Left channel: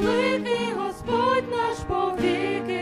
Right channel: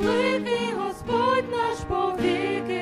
великий Господь наш повіки.